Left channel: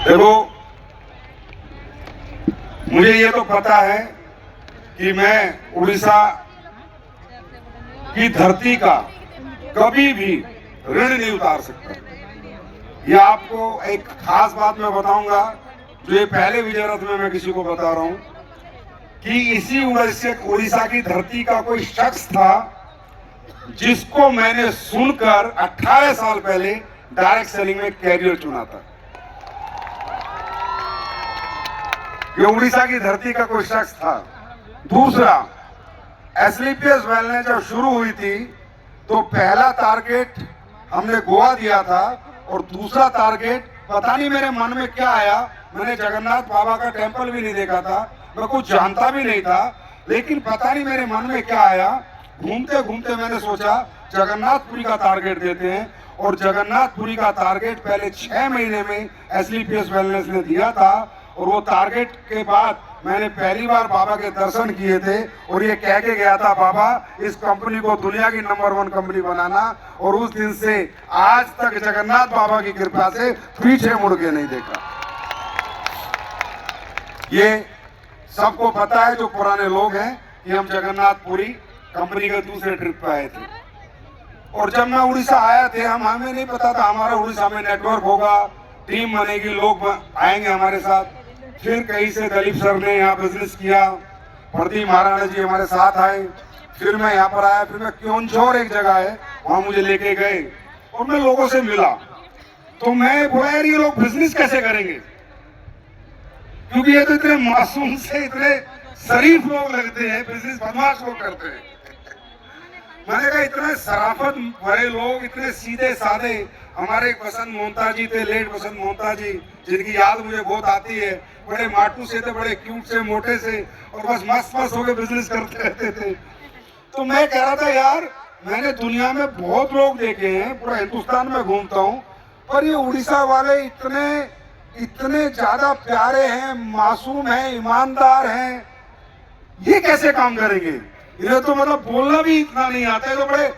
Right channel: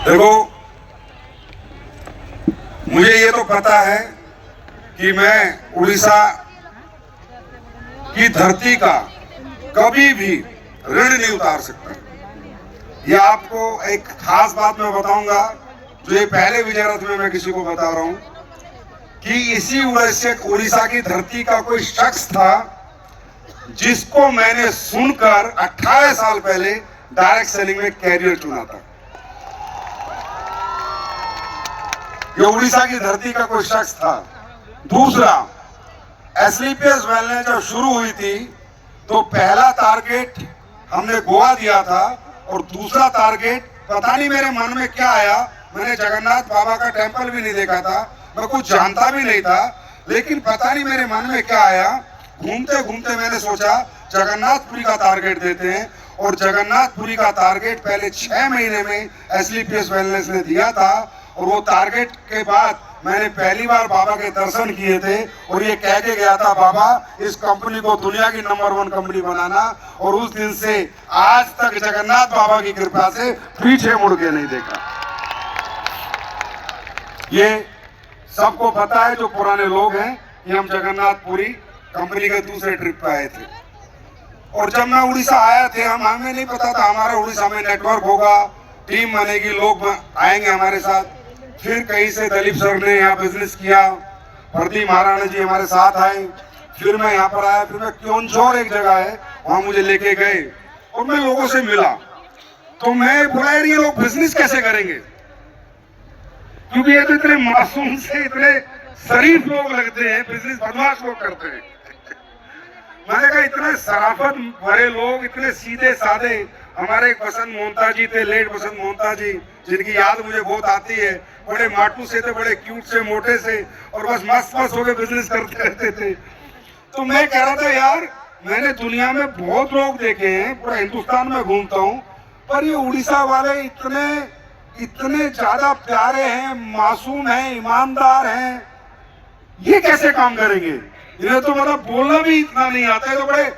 देखो, मुझे ये तो पता है कि मैं उड़ीसा की धरती का कभी भी ऋण नहीं उतार सकता। ये आपको एक खास बात मैं बताऊंगा, जो ये पहले विजय रथ में मैं किसी को बता रहा हूं कि इसी उड़ीसा की धरती का कोई शख्स था जिसको मैंने सुनकर 18 साल पहले डायरेक्ट सेलिंग में कैरियर चुना था। ये उड़ीसा की धरती का कोई शख्स था। दूसरा, एसलीपीएस वेलनेस जब शुरू हुई थी तो पहला टारगेट हमने गोवा दिया था और दूसरा टारगेट पता नहीं मेरे मन में क्या आया, मैंने जगन्नाथ बाबा का टेंपल भी नहीं देखा था, मैं कुछ जानता भी नहीं था, लेकिन पता नहीं मेरे मन में क्या आया, घूमते घूमते मैंने सोचा जगन्नाथपुरी का टारगेट देते हैं। और जगन्नाथपुरी का टारगेट पहले 6 महीने में एसलीपीएस वेलनेस ने दिया था और वो टारगेट के बाद मैंने पहली बार बाबा के दर्शन किए थे और ये कह के गया था, बाबा इस कंपनी को दुनिया की नंबर 1 कंपनी बनाना। और उस दिन से आज तक जगन्नाथ बाबा की कृपा से पीछे मुड़ के नहीं देखा। ये सबको पता है जो पुराने लोग हैं कि हम जगन्नाथपुरी कंपनी के दूसरे ट्रिप पे आए थे। और जब मैं उड़ीसा आया थे, हमें नहीं पता था हमारा उड़ीसा में नेटवर्क होगा, टीम बनेगी, लोग आएंगे हमारे साथ। फिर कहीं से दिलीप सर ने यहाँ बिजनेस किया, प्रदीप महाराणा जी हमारे साथ आए, फिर मैं यहाँ पर आया, फिर मैं क्योंझोर एक जगह है वहां मुझे लेके गए और मैं लोगों से मिला। तो मैं बोला यार ये लोग बिजनेस कैसे करेंगे, क्योंकि ये तो इतने मासूम से इतने शरीफ लोग लगते हैं, बिजनेस बदमाश लोग करते हैं। मैंने कहा इतने शराफत भरे लोग, इतने सीधे साधे। हमारे एक बसंत मोहता जी थे, लेट बसंत मोहता जी, जिनकी याद मुझे बहुत आती है। बड़े माटू से थे, बड़े क्यूट से, मोटे से, और बस मस्त मस्त होकर बिजनेस करते रहते थे। तो मैं कह रहा था यार मैंने दुनिया में बहुत लोग देखे हैं, पूरा हिंदुस्तान में घूमता हूँ, पर ये उड़ीसा वाले इतने ज्यादा प्यारे हैं, मासूम हैं, ईमानदार हैं, ये कैसे काम करेंगे? इन्हें तो मतलब बोलना भी इतना नहीं आता है, तो बड़े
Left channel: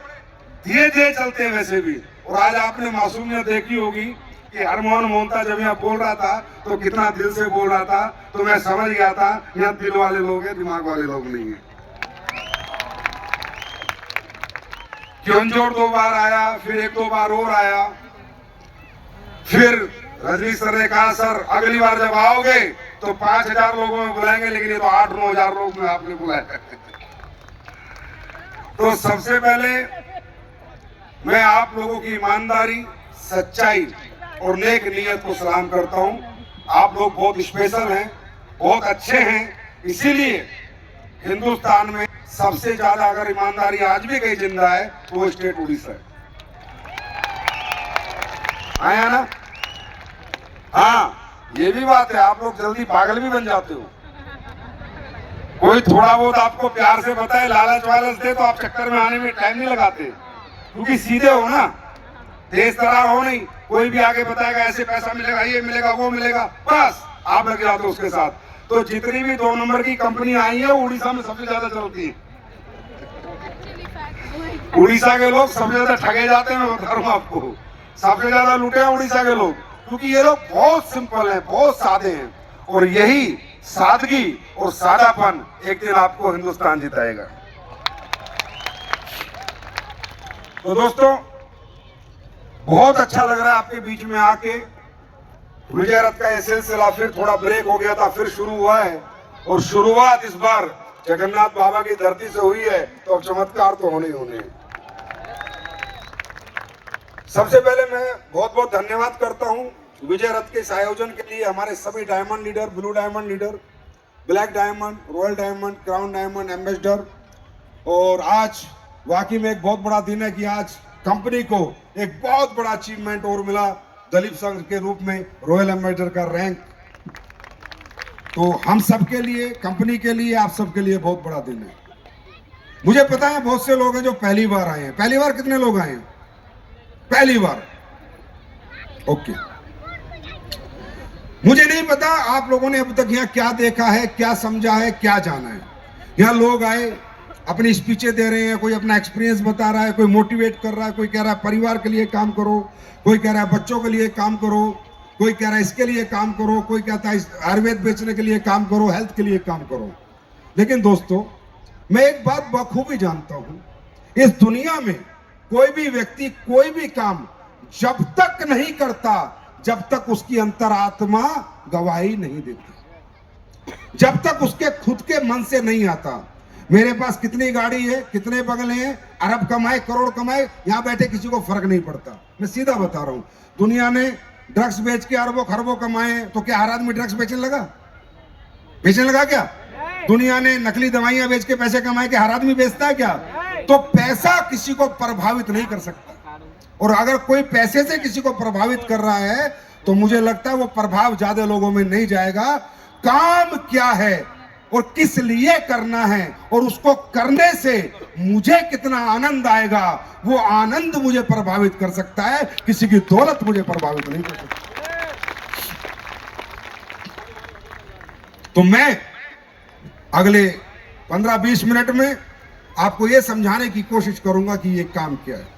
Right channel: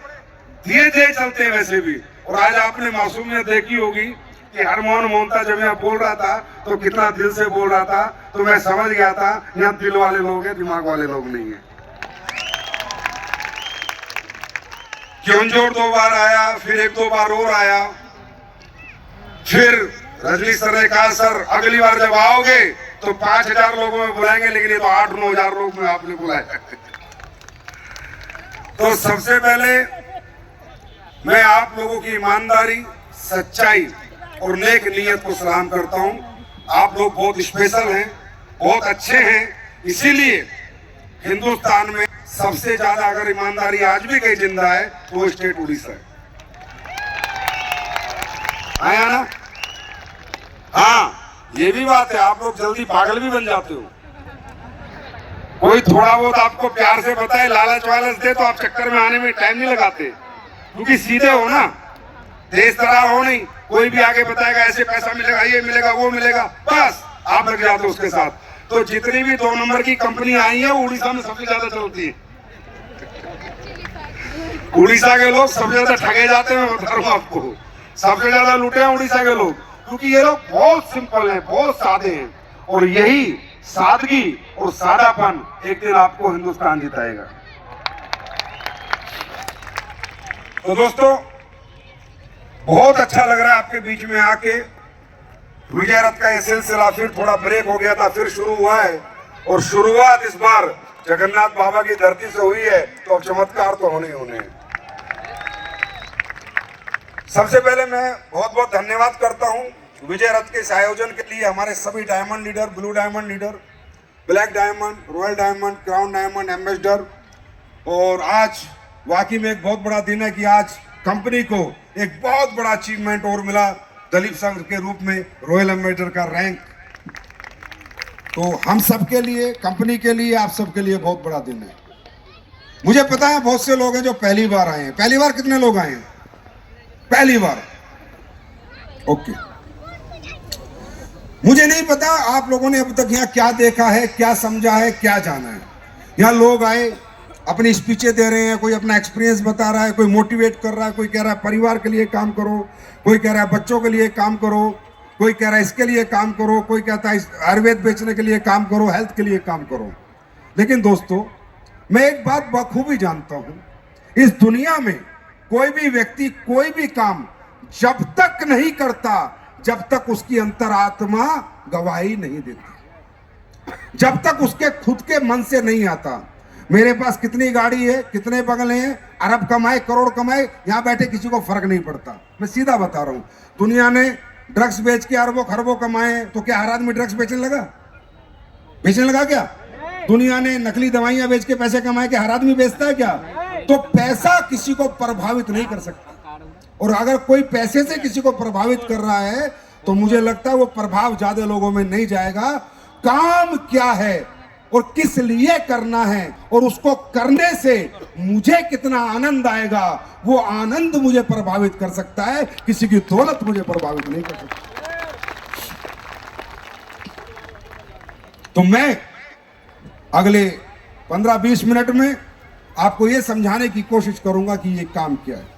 धीरे धीरे चलते हैं वैसे भी। और आज आपने मासूमियत देखी होगी कि हरमोहन मोहता जब यहाँ बोल रहा था तो कितना दिल से बोल रहा था, तो मैं समझ गया था यहाँ दिल वाले लोग हैं, दिमाग वाले लोग नहीं है। क्योंझोर 2 बार आया, फिर 1-2 बार और आया, फिर रजनी सर ने कहा सर अगली बार जब आओगे तो 5000 लोगों में बुलाएंगे, लेकिन ये तो 8-9 हजार लोग में आपने बुलाया। तो सबसे पहले मैं आप लोगों की ईमानदारी, सच्चाई और नेक नीयत को सलाम करता हूं। आप लोग बहुत स्पेशल हैं, बहुत अच्छे हैं, इसीलिए हिंदुस्तान में सबसे ज्यादा अगर ईमानदारी आज भी कहीं जिंदा है तो वो स्टेट उड़ीसा है। आया ना? हाँ, ये भी बात है, आप लोग जल्दी पागल भी बन जाते हो। कोई थोड़ा बहुत आपको प्यार से बताए, लालच वालच दे, तो आप चक्कर में आने में टाइम नहीं लगाते, क्योंकि सीधे हो ना, तेज तरार हो नहीं। कोई भी आगे बताएगा ऐसे पैसा मिलेगा, ये मिलेगा, वो मिलेगा, बस आप लग जाते हो उसके साथ। तो जितनी भी 2 नंबर की कंपनी आई है उड़ीसा में सबसे ज्यादा चलती है। उड़ीसा के लोग सबसे ज्यादा ठगे जाते हैं, मैं बता रहा हूँ आपको, सबसे ज्यादा लूटे हैं उड़ीसा के लोग, क्योंकि ये लोग बहुत सिंपल हैं, बहुत सादे हैं। और यही सादगी और सादापन एक दिन आपको हिंदुस्तान जिताएगा। तो दोस्तों बहुत अच्छा लग रहा है आपके बीच में आके। विजय रथ का यह सिलसिला फिर थोड़ा ब्रेक हो गया था, फिर शुरू हुआ है, और शुरुआत इस बार जगन्नाथ बाबा की धरती से हुई है, तो चमत्कार तो होने ही होने हैं। सबसे पहले मैं बहुत बहुत धन्यवाद करता हूं विजय रथ के इस आयोजन के लिए हमारे सभी diamond leader, blue diamond leader, black diamond, royal diamond, crown diamond ambassador. और आज वाकई में एक बहुत बड़ा दिन है कि आज कंपनी को एक बहुत बड़ा अचीवमेंट और मिला, दिलीप सर के रूप में रॉयल एम्बेसडर का रैंक। तो हम सबके लिए, कंपनी के लिए, आप सबके लिए बहुत बड़ा दिन है। मुझे पता है बहुत से लोग हैं जो पहली बार आए हैं। पहली बार कितने लोग आए हैं? पहली बार, ओके। मुझे नहीं पता आप लोगों ने अभी तक यहाँ क्या देखा है, क्या समझा है, क्या जाना है। यहाँ लोग आए, अपनी स्पीचें दे रहे हैं, कोई अपना एक्सपीरियंस बता रहा है, कोई मोटिवेट कर रहा है, कोई कह रहा है परिवार के लिए काम करो, कोई कह रहा है बच्चों के लिए काम करो, कोई कह रहा है इसके लिए काम करो, कोई कहता है आयुर्वेद बेचने के लिए काम करो, हेल्थ के लिए काम करो। लेकिन दोस्तों, मैं एक बात बखूबी जानता हूं, इस दुनिया में कोई भी व्यक्ति कोई भी काम जब तक नहीं करता जब तक उसकी अंतरात्मा गवाही नहीं देती, जब तक उसके खुद के मन से नहीं आता। मेरे पास कितनी गाड़ी है, कितने बंगले हैं, अरब कमाए करोड़ कमाए, यहां बैठे किसी को फर्क नहीं पड़ता। मैं सीधा बता रहा हूं, दुनिया ने ड्रग्स बेच के अरबों खरबों कमाए, तो क्या हर आदमी ड्रग्स बेचने लगा क्या? दुनिया ने नकली दवाइयां बेच के पैसे कमाए, के हर आदमी बेचता है क्या? तो पैसा किसी को प्रभावित नहीं कर सकता। और अगर कोई पैसे से किसी को प्रभावित कर रहा है तो मुझे लगता है वो प्रभाव ज्यादा लोगों में नहीं जाएगा। काम क्या है और किस लिए करना है और उसको करने से मुझे कितना आनंद आएगा, वो आनंद मुझे प्रभावित कर सकता है, किसी की दौलत मुझे प्रभावित नहीं कर सकती। तो मैं अगले 15-20 मिनट में आपको यह समझाने की कोशिश करूंगा कि ये काम क्या है।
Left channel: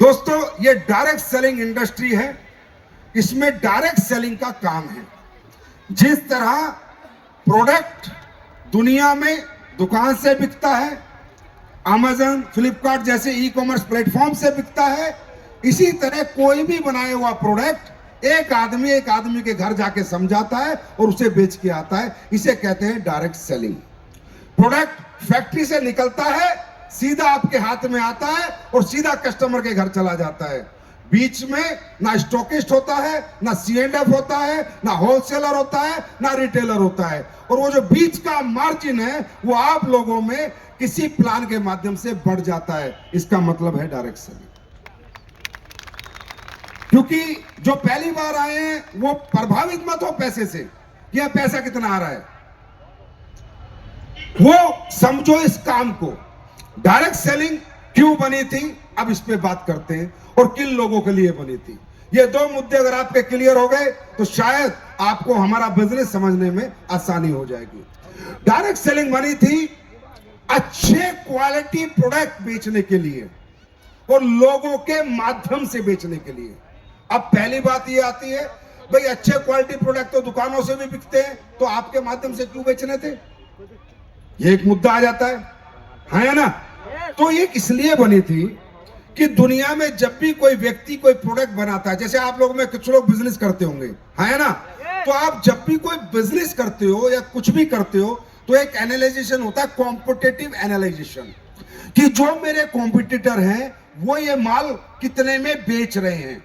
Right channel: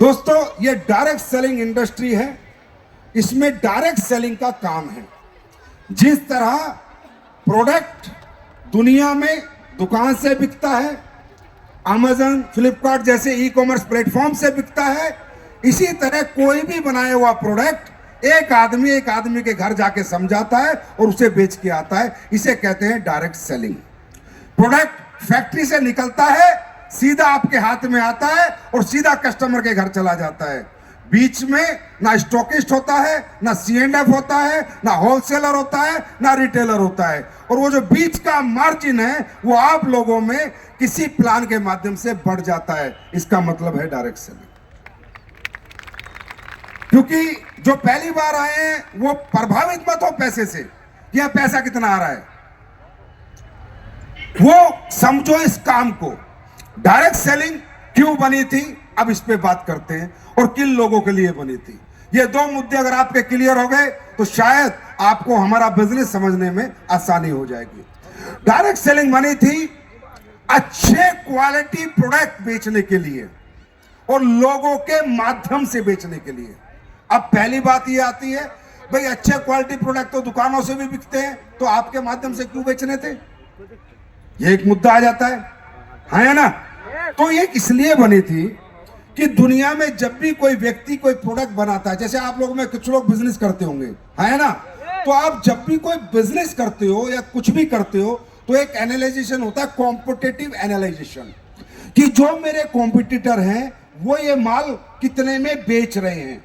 दोस्तों, ये डायरेक्ट सेलिंग इंडस्ट्री है, इसमें डायरेक्ट सेलिंग का काम है। जिस तरह प्रोडक्ट दुनिया में दुकान से बिकता है, अमेज़न, फ्लिपकार्ट जैसे ई कॉमर्स प्लेटफॉर्म से बिकता है, इसी तरह कोई भी बनाया हुआ प्रोडक्ट एक आदमी के घर जाके समझाता है और उसे बेच के आता है। इसे कहते हैं डायरेक्ट सेलिंग। प्रोडक्ट फैक्ट्री से निकलता है, सीधा आपके हाथ में आता है और सीधा कस्टमर के घर चला जाता है। बीच में ना स्टॉकिस्ट होता है, ना C&F होता है, ना होलसेलर होता है, ना रिटेलर होता है। और वो जो बीच का मार्जिन है वो आप लोगों में किसी प्लान के माध्यम से बढ़ जाता है। इसका मतलब है डायरेक्ट सेलिंग। क्योंकि जो पहली बार आए हैं वो प्रभावित मत हो पैसे से, या पैसा कितना आ रहा है, वो समझो इस काम को। डायरेक्ट सेलिंग क्यों बनी थी, अब इस पे बात करते हैं, और किन लोगों के लिए बनी थी। ये दो मुद्दे अगर आपके क्लियर हो गए तो शायद आपको हमारा बिजनेस समझने में आसानी हो जाएगी। डायरेक्ट सेलिंग बनी थी अच्छे क्वालिटी प्रोडक्ट बेचने के लिए और लोगों के माध्यम से बेचने के लिए। अब पहली बात ये आती है, भाई अच्छे क्वालिटी प्रोडक्ट तो दुकानों से भी बिकते हैं, तो आपके माध्यम से क्यों बेचने थे? ये एक मुद्दा आ जाता है ना? तो ये इसलिए बनी थी कि दुनिया में जब भी कोई व्यक्ति कोई प्रोडक्ट बनाता है, जैसे आप लोग में कुछ लोग बिजनेस करते होंगे, है ना? तो आप जब भी कोई बिजनेस करते हो या कुछ भी करते हो तो एक एनालाइजेशन होता है, कॉम्पिटिटिव एनालाइजेशन, कि जो मेरे कॉम्पिटिटर हैं वो ये माल कितने में बेच रहे हैं।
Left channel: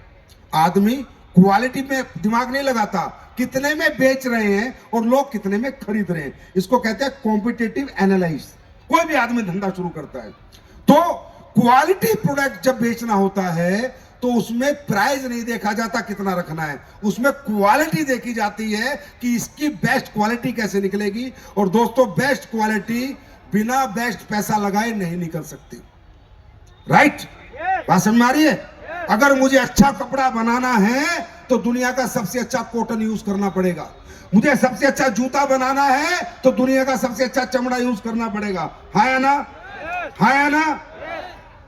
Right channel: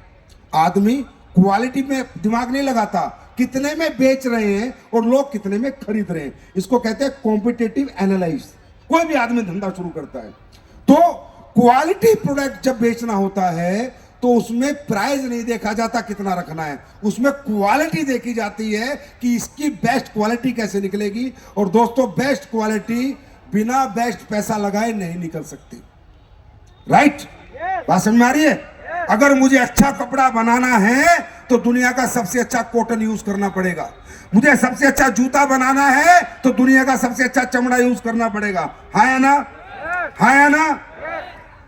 आदमी क्वालिटी में दिमाग नहीं लगाता, कितने में बेच रहे हैं और लोग कितने में खरीद रहे हैं। इसको कहते हैं कॉम्पिटिटिव एनालाइज। कोई भी आदमी धंधा शुरू करता है तो क्वालिटी प्रोडक्ट जब बेचना होता है तो उसमें प्राइस नहीं देखा जाता कितना रखना है, उसमें क्वालिटी देखी जाती है कि इसकी बेस्ट क्वालिटी कैसे निकलेगी। और दोस्तों, बेस्ट क्वालिटी बिना बेस्ट पैसा लगाए नहीं निकल सकती। राइट? बात समझ में आ रही है? अगर मुझे अच्छा कपड़ा बनाना है तो दुनिया का सबसे अच्छा कॉटन यूज करना पड़ेगा। मुझे सबसे अच्छा जूता बनाना है तो दुनिया का सबसे अच्छा चमड़ा यूज करना पड़ेगा। हाँ या ना? हाँ या ना?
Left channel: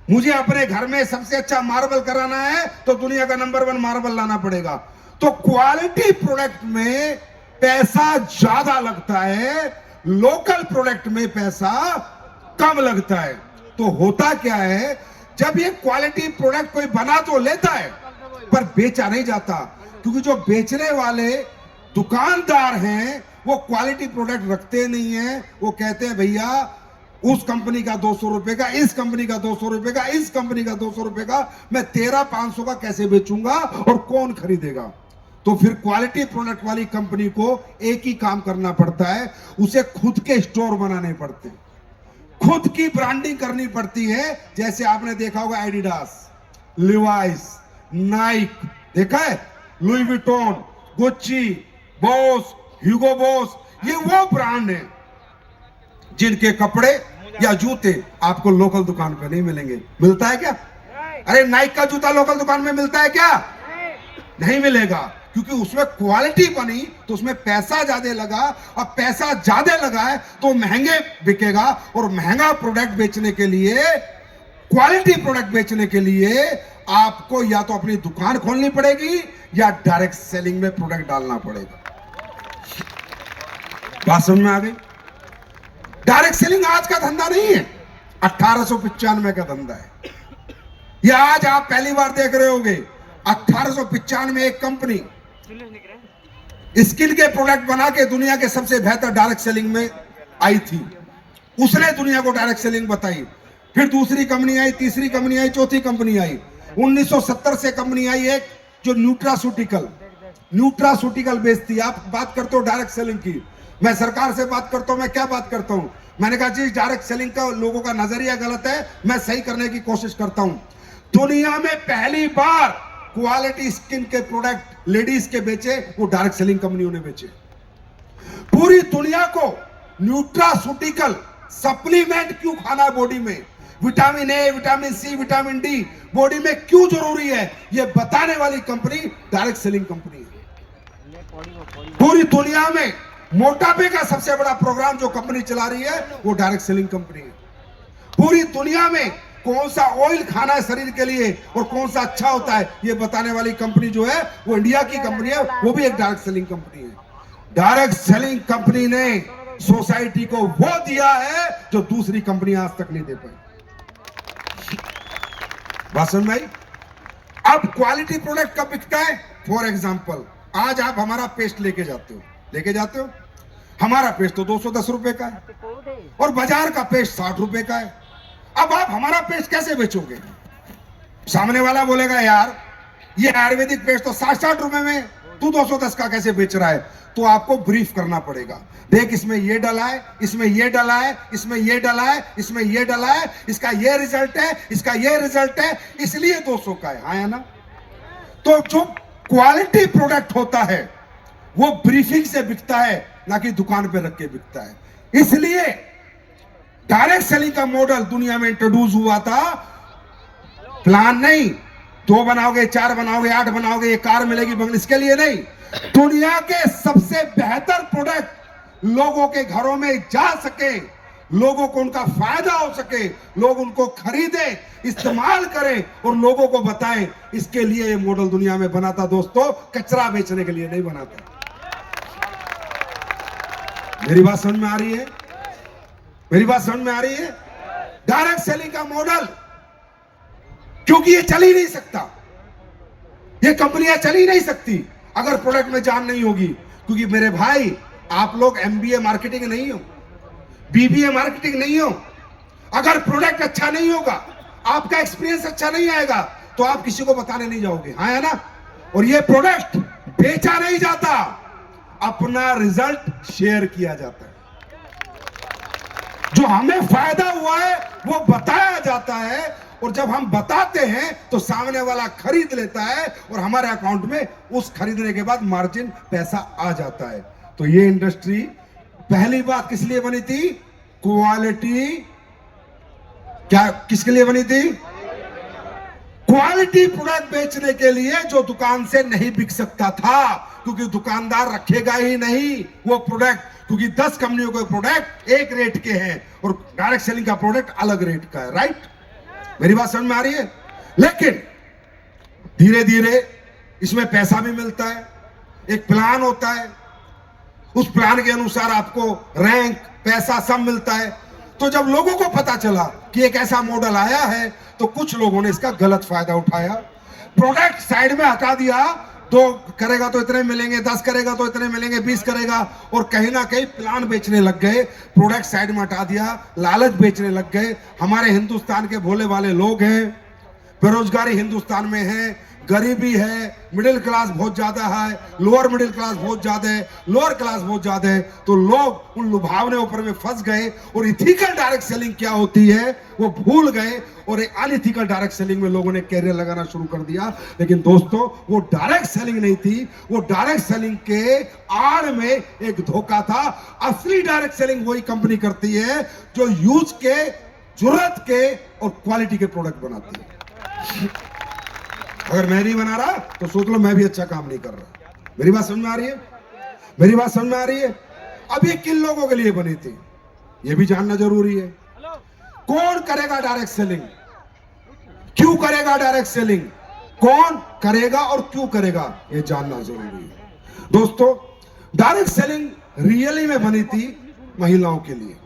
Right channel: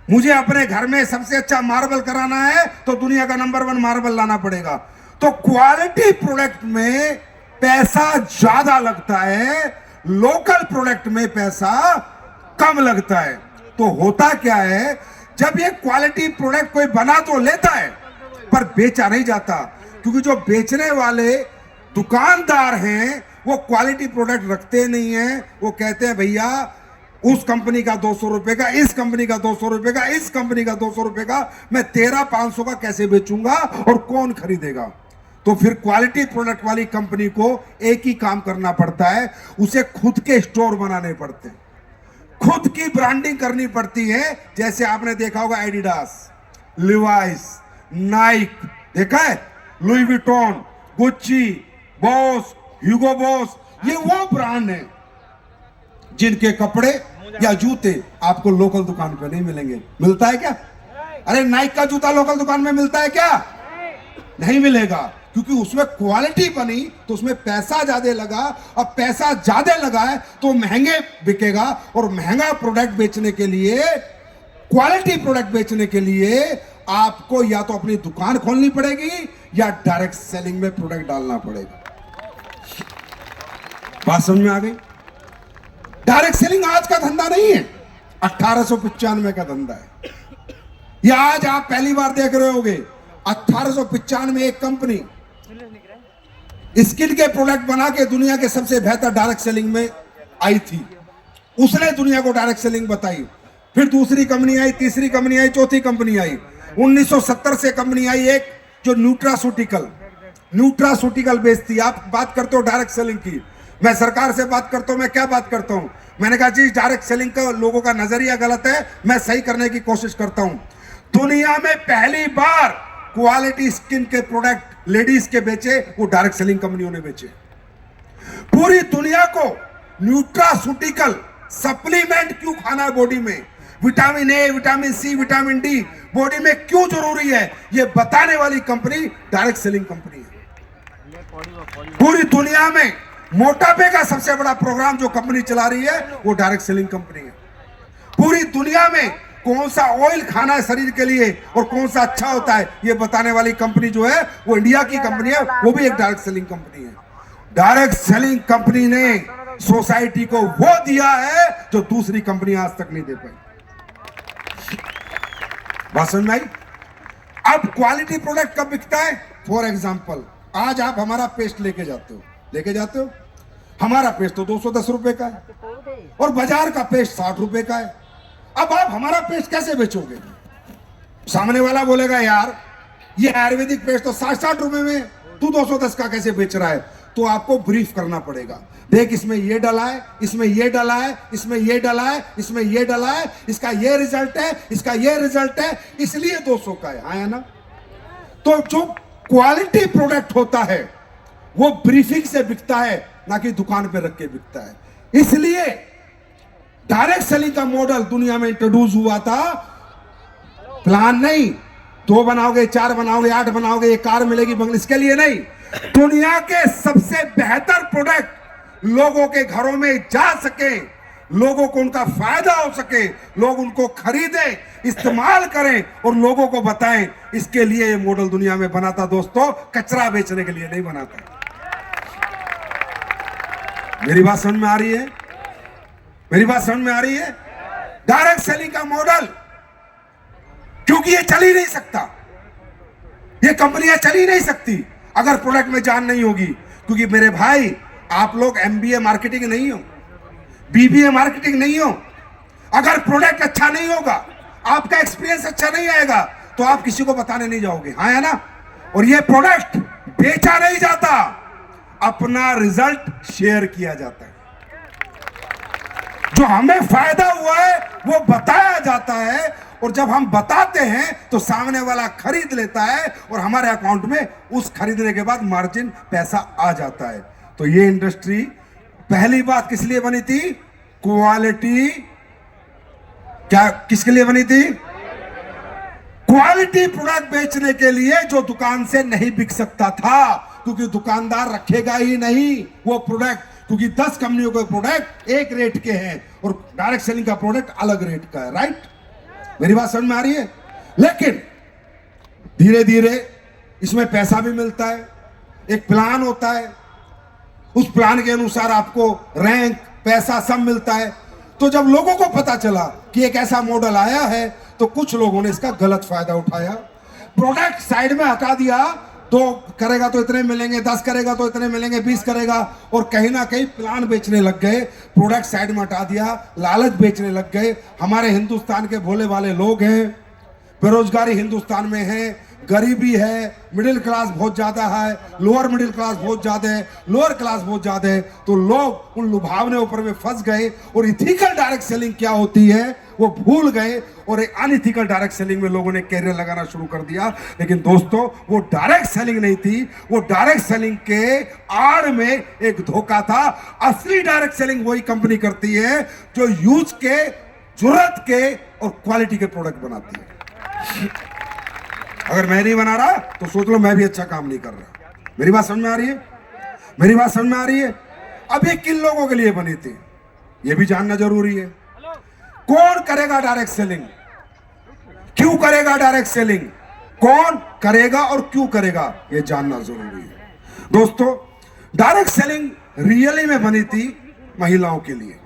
मुझे अपने घर में सबसे अच्छा मार्बल कराना है तो दुनिया का नंबर 1 मार्बल लाना पड़ेगा। तो क्वालिटी प्रोडक्ट में पैसा ज्यादा लगता है, लोकल प्रोडक्ट में पैसा कम लगता है। तो होता क्या है, जब ये क्वालिटी प्रोडक्ट कोई बना तो लेता है पर बेचा नहीं जाता, क्योंकि जो बेचने वाले दुकानदार हैं वो क्वालिटी प्रोडक्ट रखते नहीं हैं। वो कहते हैं भैया उस कंपनी का 200 रुपए का, इस कंपनी का 200 रुपए का, इस कंपनी का 200 रुपए का, मैं तेरा 500 का कैसे बेचूंगा और कौन खरीदेगा। तो फिर क्वालिटी प्रोडक्ट वाली कंपनी को एक ही काम करना पड़ता है, उसे खुद के स्टोर बनाने पड़ते हैं, खुद की ब्रांडिंग करनी पड़ती है। जैसे आपने देखा होगा एडिडास, लिवाइस, नाइक, देखा है, लुई विटॉन, गुच्ची, बॉस, ह्यूगो बॉस, ये वो ब्रांड है जिनके कपड़े या जूते आपको लोकल दुकान पे नहीं मिलेंगे। मिलता है क्या? अरे नाइक का जूता लोकल दुकान में मिलता है क्या? नहीं मिलेगा, क्योंकि उसमें क्वालिटी बनी तो उसमें पैसा ज्यादा लगा। अब पैसा ज्यादा लगा है तो महंगे बिकेगा, और महंगा प्रोडक्ट बेचने के लिए, क्वालिटी प्रोडक्ट बेचने के लिए आपको या तो अपनी दुकान खोलनी पड़ेगी या डायरेक्ट सेलिंग में प्रोडक्ट डालना पड़ेगा। बात समझ में आ गई? डायरेक्ट सेलिंग आज का धंधा नहीं है, 1895 का धंधा है। या आज आप पहली बार देख रहे होंगे, 1895 में एक कंपनी स्किल के प्रोडक्ट बना के दुनिया के सबसे बेहतर डायरेक्ट सेलिंग में आई थी। उसने दुनिया को डायरेक्ट सेलिंग बताई। फिर दूसरी कंपनी आई, तीसरी कंपनी आई, चौथी कंपनी आई। 1970 से कंपनी आई एक जो न्यूट्रासूटिकल बेचती। आप बात करते हो डायरेक्ट सेलिंग की, मैं सरकार से बात करता हूं। मैं क्या बात करता हूं? मैंने कहा जी डायरेक्ट सेलिंग का लोगों का नजरिया गलत है, मैं सही करने की कोशिश करता हूं। दुनिया में पहली बार क्वालिटी स्किन के प्रोडक्ट लेडीज के बेचे, वो डायरेक्ट सेलिंग कंपनियों ने बेचे। पूरी दुनिया को न्यूट्रासूटिकल सप्लीमेंट क्यों खाना है बॉडी में, vitamin A, vitamin C, vitamin D body में क्यों जरूरी है, ये बताने वाली कंपनी डायरेक्ट सेलिंग कंपनी है। पूरी दुनिया में मोटापे का सबसे बड़ा प्रोग्राम जो कंपनी चला रही है वो डायरेक्ट सेलिंग कंपनी है। पूरी दुनिया में कौन सा ऑयल खाना है शरीर के लिए और कौन सा अच्छा होता है, ये बताने वाली कंपनी जो है वो इंडिया की कंपनी है, वो भी एक डायरेक्ट सेलिंग कंपनी है। डायरेक्ट सेलिंग कंपनी ने सोसाइटी को वो दिया है जो दूसरी कंपनी आज तक नहीं दे पाई। बात समझ में आई? अब क्वालिटी प्रोडक्ट कब बिकता है? फॉर एग्जांपल, आज आप हमारा पेस्ट लेके जाते हो, हमारा पेस्ट तो 210 रुपए का है और बाजार का पेस्ट 60 रुपए का है। अब आप हमारा पेस्ट कैसे बेचोगे? सामने वाला बोलेगा यार ये आयुर्वेदिक पेस्ट तो 60 रुपए में, तू 210 का कैसे बेच रहा है? तो आपको ब्रीफ करना पड़ेगा, देख इसमें ये डला है, इसमें ये डला है, इसमें ये डला है, इसमें ये डला है, इसका ये रिजल्ट है, इसका ये रिजल्ट है, इसलिए 200 का है। हाँ है ना? तो जो क्वालिटी प्रोडक्ट होता है वो ब्रीफिंग से बिकता है, ना कि दुकान पे रख के बिकता है। इसलिए डायरेक्ट सेलिंग का मॉडल दुनिया में इंट्रोड्यूस हुआ था। प्लान नहीं, 2 बनाओगे, 4 बनाओगे, 8 बनाओगे, एक कार मिलेगी बंगले, इसके लिए नहीं। दुनिया के सबसे बेहतर प्रोडक्ट लोगों के घरों में जा सके, लोगों को उनका फायदा हो सके, लोग उनको खरीदें, इस्तेमाल करें और लोगों को बताएं, इसके लिए ये मॉडल दुनिया में बना था दोस्तों, कचरा बेचने के लिए नहीं बना था। मेरी बात समझ में आ रही है? मेरी बात समझ में आ रही है? डायरेक्ट सेलिंग का मॉडल, क्योंकि ये चल ही नहीं सकता, ये कंपनियां चल ही नहीं सकती अगर प्रोडक्ट में जान नहीं होगी। क्योंकि मेरे भाई, आप लोग एमबीए मार्केटिंग नहीं हो, बीबीए मार्केटिंग नहीं हो, अगर प्रोडक्ट अच्छा नहीं होगा, आपका एक्सपीरियंस अच्छा नहीं आएगा, तो आप किसी को बताने नहीं जाओगे। हाँ है ना? और ये प्रोडक्ट बेचा नहीं जाता, अपना रिजल्ट शेयर किया जाता है। जो हमें फायदा हुआ है वो बताया जाता है, और जब हम बताते हैं तो सामने वाला खरीद लेता है और हमारे अकाउंट में उस खरीदने के बाद मार्जिन पैसा आ जाता है। तो ये इंडस्ट्री पहली बात किस लिए बनी थी? क्वालिटी। क्या किसके लिए बनी थी? क्वालिटी प्रोडक्ट बेचने के लिए, जो दुकान से नहीं बिक सकता था, क्योंकि दुकानदार रखेगा ही नहीं वो प्रोडक्ट, क्योंकि 10 कंपनियों के प्रोडक्ट एक रेट के हैं और डायरेक्ट सेलिंग का प्रोडक्ट अलग रेट का है। राइट? मेरी बात समझ में आ रही है? लेकिन धीरे धीरे इसमें पैसा भी मिलता है, एक प्लान होता है, उस प्लान के अनुसार आपको रैंक, पैसा सब मिलता है। तो जब लोगों को पता चला कि एक ऐसा मॉडल आया है, तो कुछ लोगों ने इसका गलत फायदा उठाया, प्रोडक्ट साइड में हटा दिया। 2 करेगा तो इतने मिलेंगे, 10 करेगा तो इतने मिलेंगे, 20 करेगा, और कहीं ना कहीं प्लान बेचने लग गए, प्रोडक्ट साइड में हटा दिया, लालच बेचने लग गए। हमारे हिंदुस्तान के भोले वाले लोग हैं, बेरोजगारी हिंदुस्तान में है, गरीबी है, मिडिल क्लास बहुत ज्यादा है, लोअर मिडिल क्लास बहुत ज्यादा है, लोअर क्लास बहुत ज्यादा है। तो लोग उन लुभावने ऊपर में फंस गए और इथिकल डायरेक्ट सेलिंग क्या होती है वो भूल गए, और एक अनइथिकल डायरेक्ट सेलिंग में लोगों ने कैरियर लगाना शुरू कर दिया। लेकिन दोस्तों, वो डायरेक्ट सेलिंग नहीं थी, वो डायरेक्ट सेलिंग के आड़ में एक धोखा था। असली डायरेक्ट सेलिंग वही कंपनी करती है जो यूज के, जरूरत के और क्वालिटी के प्रोडक्ट बनाती है। अगर मैं नहीं बना रहा तो सोच लो मैं भी अच्छा काम नहीं कर रहा। मेरी बात समझ में आ रही है? मेरी बात समझ में आ रही है? अब ये किन लोगों के लिए बनी थी ये भी जानना जरूरी है। कौन करेगा डायरेक्ट सेलिंग? क्यों करेगा डायरेक्ट सेलिंग? कौन करेगा और क्यों करेगा ये जानना जरूरी है। दोस्तों, डायरेक्ट सेलिंग रियली में बनी थी महिलाओं के लिए,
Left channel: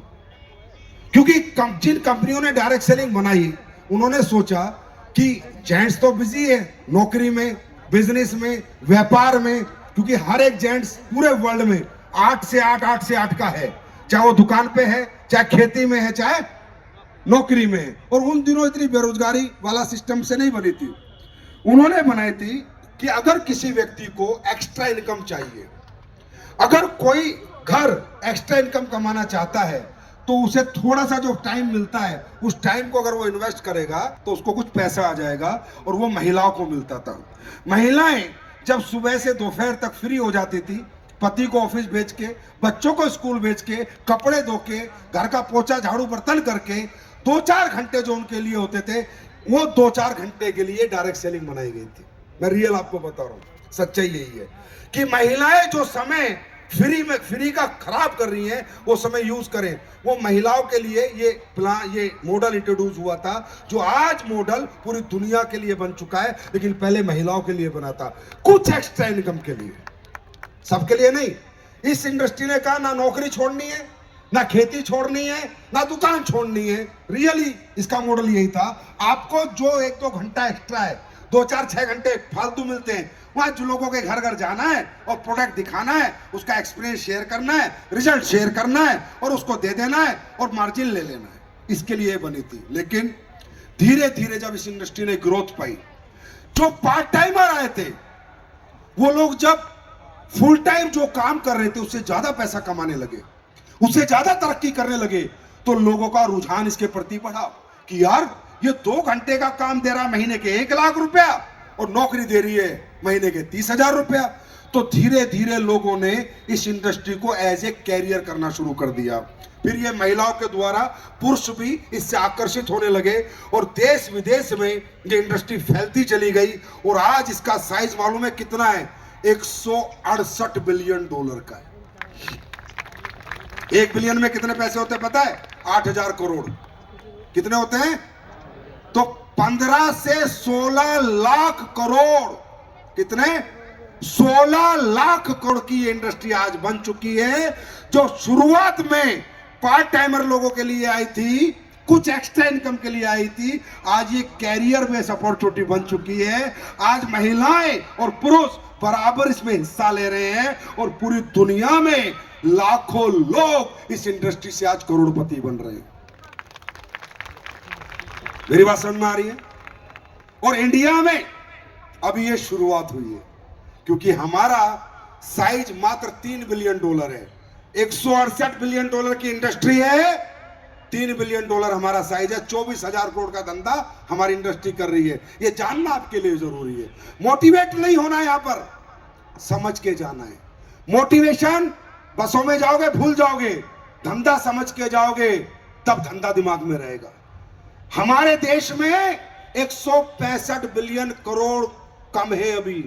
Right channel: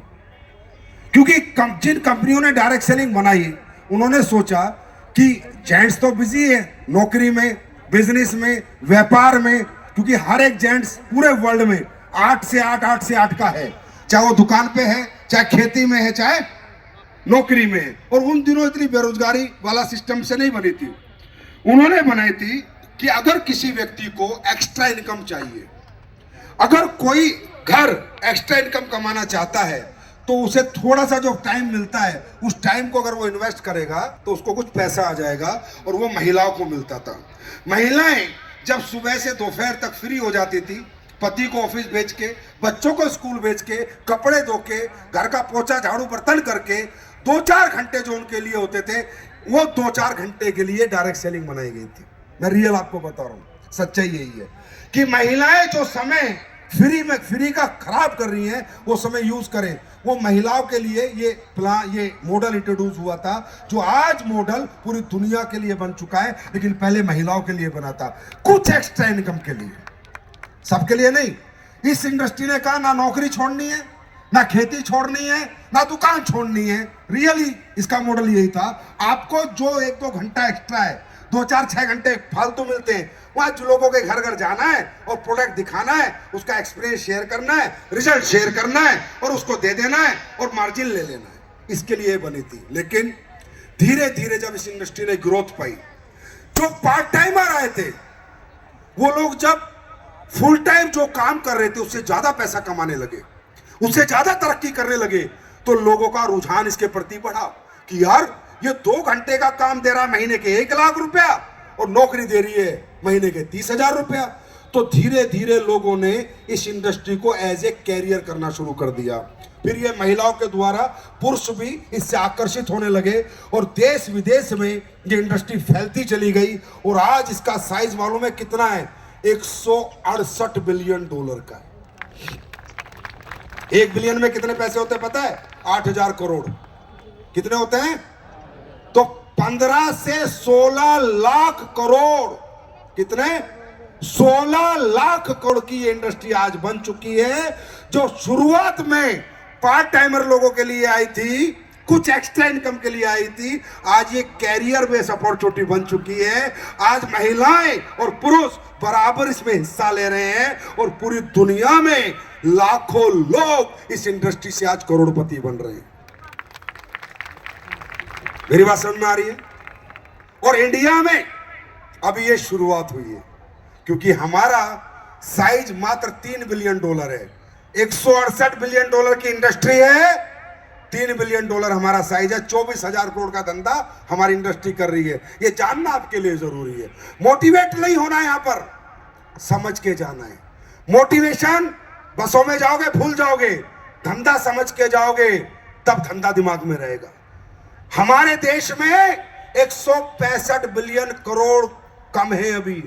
क्योंकि जिन कंपनियों ने डायरेक्ट सेलिंग बनाई उन्होंने सोचा कि जेंट्स तो बिजी है नौकरी में, बिजनेस में, व्यापार में, क्योंकि हर एक जेंट्स पूरे वर्ल्ड में 8 से 8 का है, चाहे वो दुकान पे है, चाहे खेती में है, चाहे नौकरी में है। और उन दिनों इतनी बेरोजगारी वाला सिस्टम से नहीं बनी थी। उन्होंने बनाई थी कि अगर किसी व्यक्ति को एक्स्ट्रा इनकम चाहिए, अगर कोई घर एक्स्ट्रा इनकम कमाना चाहता है, तो उसे थोड़ा सा जो टाइम मिलता है, उस टाइम को अगर वो इन्वेस्ट करेगा तो उसको कुछ पैसा आ जाएगा, और वो महिलाओं को मिलता था। महिलाएं जब सुबह से दोपहर तक फ्री हो जाती थी, पति को ऑफिस भेज के, बच्चों को स्कूल भेज के, कपड़े धो के, घर का पोछा झाड़ू बर्तन करके 2-4 घंटे जो उनके लिए होते थे, वो 2-4 घंटे के लिए डायरेक्ट सेलिंग बनाई गई थी। मैं रियल आपको बता रहा हूँ, सच्चाई यही है कि महिलाएं जो समय फ्री का खराब कर रही हैं, वो समय यूज करें। वो महिलाओं के लिए ये मॉडल इंट्रोड्यूस हुआ था, जो आज मॉडल पूरी दुनिया के लिए बन चुका है, लेकिन पहले महिलाओं के लिए बना था, कुछ एक्स्ट्रा इनकम के लिए, सबके लिए नहीं। इस इंडस्ट्री ने कहा ना नौकरी छोड़नी है, ना खेती छोड़नी है, ना दुकान छोड़नी है। रियली इसका मॉडल यही था। आपको जो 1-2 घंटा एक्स्ट्रा है, 2-4-6 घंटे फालतू मिलते हैं, वहां जो लोगों के घर घर जाना है और प्रोडक्ट दिखाना है, उसका एक्सपीरियंस शेयर करना है, रिजल्ट शेयर करना है और उसको दे देना है और मार्जिन ले लेना है, इसके लिए बनी थी। लेकिन धीरे धीरे जब इस इंडस्ट्री ने ग्रोथ पाई, जो पार्ट टाइमर आए थे, वो लोग जब फुल टाइम जो काम कर रहे थे उससे ज्यादा पैसा कमाने लगे, उससे ज्यादा तरक्की करने लगे, तो लोगों का रुझान इसके प्रति बढ़ा कि यार ये 2 घंटे का काम दे रहा है महीने के 1 लाख रुपया, और नौकरी दे रही है महीने के 30,000 रुपया। तो धीरे धीरे लोगों ने इस इंडस्ट्री को एज ए कैरियर करना शुरू कर दिया। फिर ये महिलाओं के द्वारा पुरुष भी इससे आकर्षित होने लगे, और देश विदेश में ये इंडस्ट्री फैलती चली गई, और आज इसका साइज मालूम है कितना है? 168 बिलियन डॉलर का। 1 बिलियन में कितने पैसे होते हैं पता है? 8,000 करोड़। कितने होते हैं? तो 15 से 16 लाख करोड़। कितने? 16 लाख करोड़ की ये इंडस्ट्री आज बन चुकी है, जो शुरुआत में पार्ट टाइमर लोगों के लिए आई थी, कुछ एक्स्ट्रा इनकम के लिए आई थी, आज ये कैरियर बेस अपॉर्चुनिटी बन चुकी है। आज महिलाएं और पुरुष बराबर इसमें हिस्सा ले रहे हैं, और पूरी दुनिया में लाखों लोग इस इंडस्ट्री से आज करोड़पति बन रहे हैं। मेरी बात समझ में आ रही है? और इंडिया में अभी ये शुरुआत हुई है, क्योंकि हमारा साइज मात्र 3 बिलियन डॉलर है। 168 बिलियन डॉलर की इंडस्ट्री है, 3 बिलियन डॉलर हमारा साइज है। 24,000 करोड़ का धंधा हमारी इंडस्ट्री कर रही है। ये जानना आपके लिए जरूरी है। मोटिवेट नहीं होना, यहां पर समझ के जाना है। मोटिवेशन बसों में जाओगे भूल जाओगे, धंधा समझ के जाओगे तब धंधा दिमाग में रहेगा। हमारे देश में 165 बिलियन करोड़ कम है अभी,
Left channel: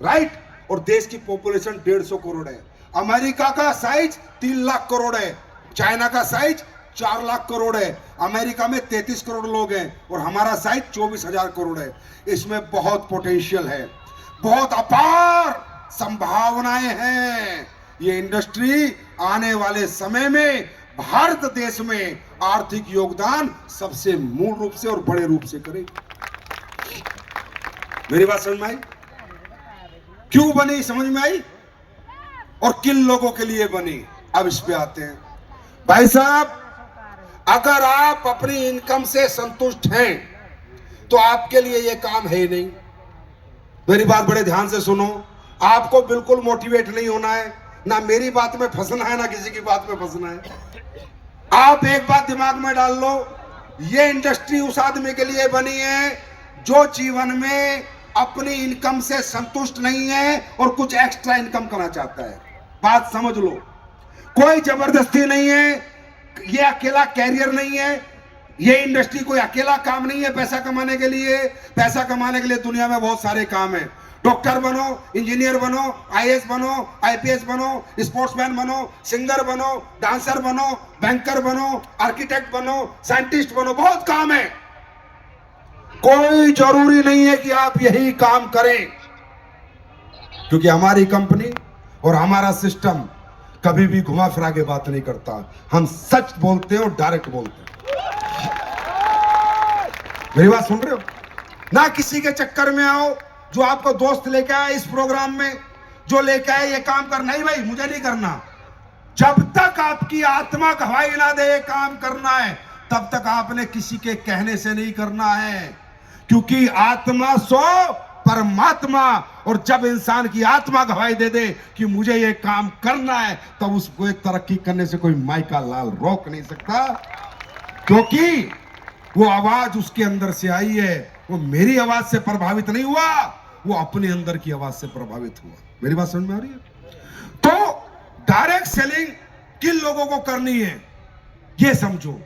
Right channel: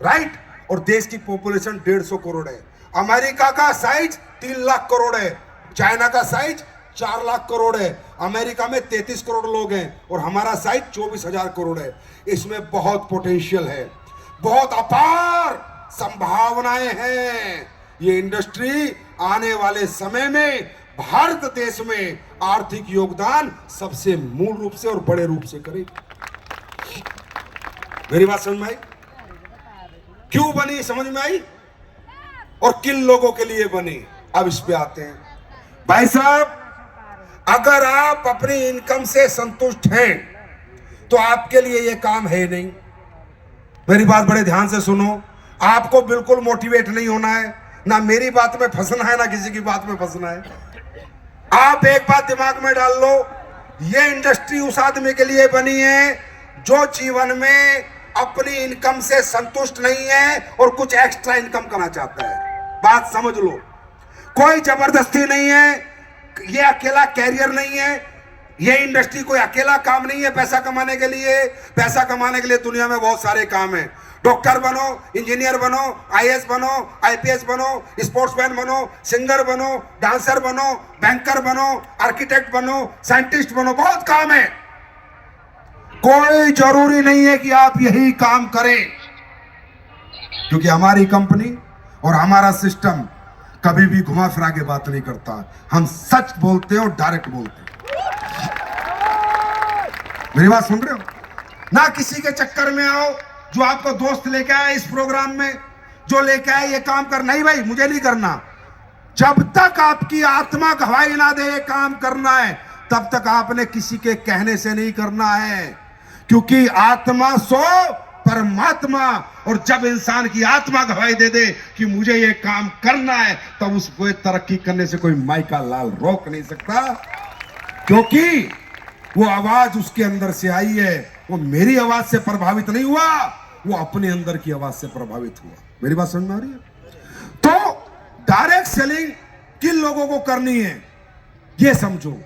राइट? और देश की पॉपुलेशन 150 करोड़ है। अमेरिका का साइज 3 लाख करोड़ है, चाइना का साइज 4 लाख करोड़ है, अमेरिका में 33 करोड़ लोग हैं, और हमारा साइज 24,000 करोड़ है। इसमें बहुत पोटेंशियल है, बहुत अपार संभावनाएं हैं। ये इंडस्ट्री आने वाले समय में भारत देश में आर्थिक योगदान सबसे मूल रूप से और बड़े रूप से करेगी। मेरी बात समझ में आई? क्यों बनी समझ में आई, और किन लोगों के लिए बनी? अब इस पे आते हैं। भाई साहब, अगर आप अपनी इनकम से संतुष्ट हैं तो आपके लिए यह काम है नहीं। मेरी बात बड़े ध्यान से सुनो। आपको बिल्कुल मोटिवेट नहीं होना है, ना मेरी बात में फंसना है, ना किसी की बात में फंसना है। आप एक बात दिमाग में डाल लो, ये इंडस्ट्री उस आदमी के लिए बनी है जो जीवन में अपनी इनकम से संतुष्ट नहीं है और कुछ एक्स्ट्रा इनकम करना चाहता है। बात समझ लो, कोई जबरदस्ती नहीं है, ये अकेला कैरियर नहीं है, ये इंडस्ट्री कोई अकेला काम नहीं है पैसा कमाने के लिए। पैसा कमाने के लिए दुनिया में बहुत सारे काम हैं। डॉक्टर बनो, इंजीनियर बनो, आईएएस बनो, आईपीएस बनो, स्पोर्ट्समैन बनो, सिंगर बनो, डांसर बनो, बैंकर बनो, आर्किटेक्ट बनो, साइंटिस्ट बनो, बहुत काम है। कोई जरूरी नहीं है कि आप यही काम करें, क्योंकि हमारी कंपनी और हमारा सिस्टम कभी भी घुमा फिरा के बात नहीं करता। हम सच बोलते हैं और डायरेक्ट बोलते हैं। मेरी बात सुन रहे हो ना? किसी के चक्कर में आओ, जो आपको दोस्त लेके आया इस प्रोग्राम में, जो लेके आया ये काम कर, नहीं भाई मुझे नहीं करना। जब तक आपकी आत्मा गवाही ना दे ये काम करना है, तब तक आपने किसी के कहने से नहीं करना है, क्योंकि आत्मा सो परमात्मा। और जब इंसान की आत्मा गवाही दे दे कि मुझे ये काम करना है, तब उसको तरक्की करने से कोई माइका लाल रोक नहीं सकता, क्योंकि वो आवाज उसके अंदर से आई है। वो मेरी आवाज से प्रभावित नहीं हुआ, वो अपने अंदर की आवाज से प्रभावित हुआ। मेरी बात समझ में आ रही है? तो डायरेक्ट सेलिंग किन लोगों को करनी है ये समझो।